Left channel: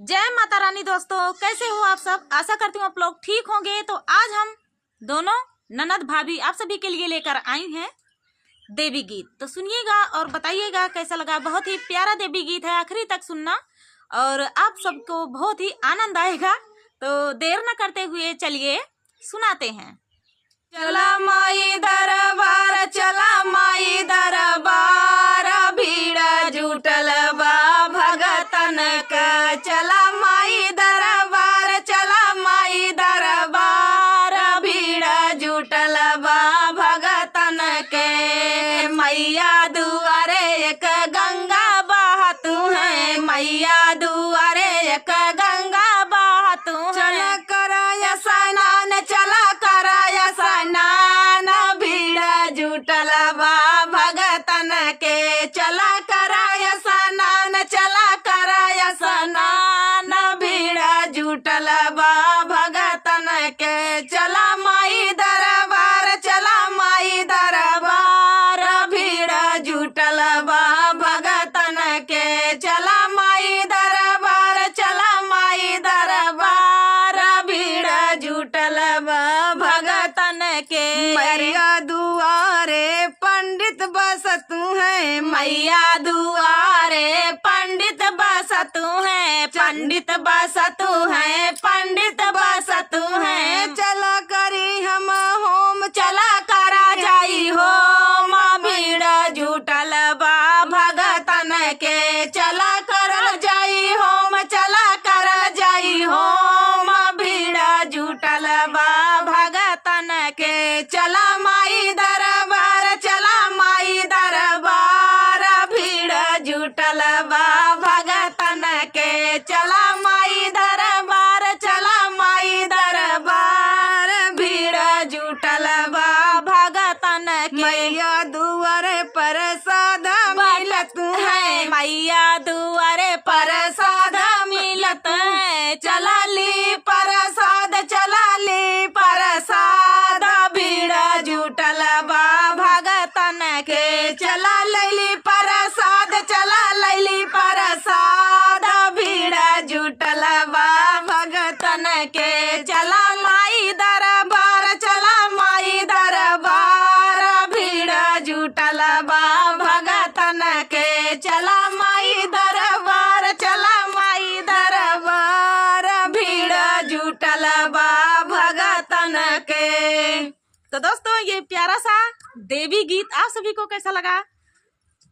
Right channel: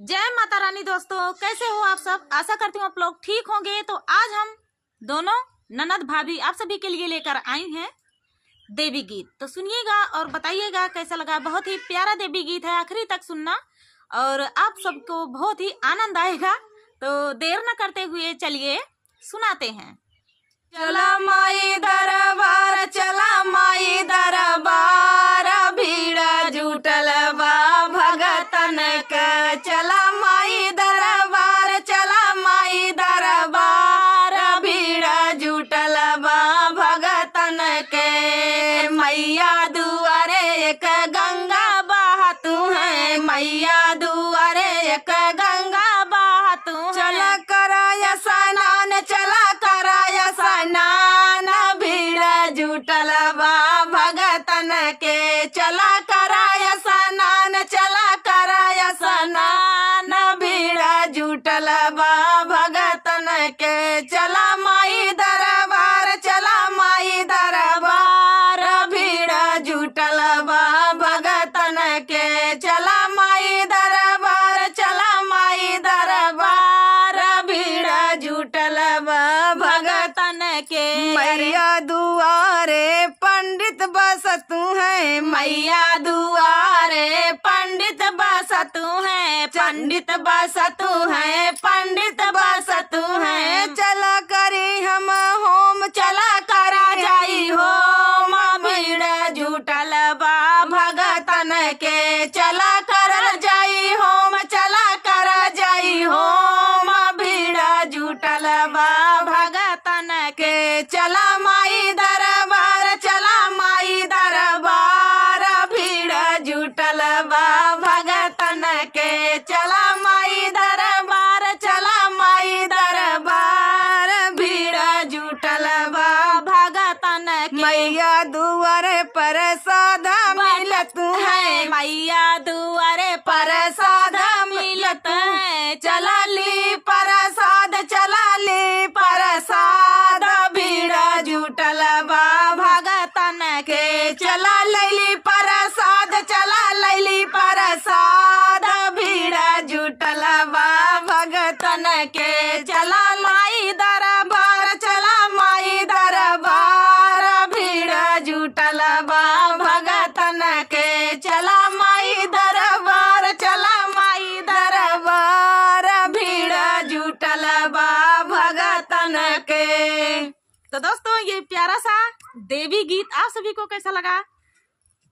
जय माता रानी। दोस्तों कैसे हो आप सब? आशा करती हूँ आप लोग ठीक होंगे। तो आज हम दोनों ननद भाभी आप सभी के लिए लेकर आई हैं देवी गीत। तो सुनिएगा और बताइएगा कैसा लगा। बहुत ही प्यारा देवी गीत है, आखिरी तक सुनना और आप सबको बहुत ही आनंद आएगा। तो देर न करते हुए चलिए सुनाते हैं। चला माई दरबार, चला माई दरबार, भीड़ जुटल बा भगतन का। चला माई दरबार, चला माई दरबार, भीड़ जुटल बा भगतन के। मैया दुआरे एक गंगा बहतू है, मैया दुआरे एक गंगा बहतू है। चला कराया स्नान, चला कराया स्नान, भीड़ जुटल बा भगतन के। चला कराया स्नान, चला कराया स्नान, भीड़ जुटल बा भगतन के। चला माई दरबार, चला माई दरबार, भीड़ जुटल बा भगतन के। चला माई दरबार, चला माई दरबार, भीड़ जुटल बा भगतन के। मैया दुआरे पंडित बसतू है, मैया दुआरे पंडित बसतू है, पंडित बसतू है, पंडित बसतू है। चला करी हम होम, चला करा जाई होम, भीड़ जुटल बा भगतन के। चला कर जाई होम, चला कर जाई होम, भीड़ जुटल बा भगतन के। चला माई दरबार, चला माई दरबार, भीड़ जुटल बा भगतन के। चला माई दरबार, चला माई दरबार, भीड़ जुटल बा भगतन के। मैया दुआरे प्रसाद मिलत है, मैया दुआरे प्रसाद मिलत है। चला ली प्रसाद, चला ली प्रसाद, भीड़ जुटल बा भगतन के। चला लैली प्रसाद, चला लैली प्रसाद, भीड़ जुटल बा भगतन के। चला माई दरबार, चला माई दरबार, भीड़ जुटल बा भगतन के। चला माई दरबार, चला माई दरबार, भीड़ जुटल बा भगतन के। तो दोस्तों ये प्यारा सा देवी गीत आप सभी को कैसा लगा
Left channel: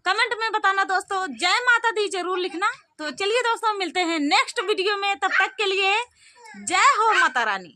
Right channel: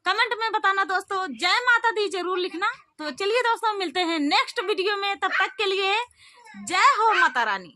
कमेंट में बताना। दोस्तों जय माता दी जरूर लिखना। तो चलिए दोस्तों मिलते हैं नेक्स्ट वीडियो में, तब तक के लिए जय हो माता रानी।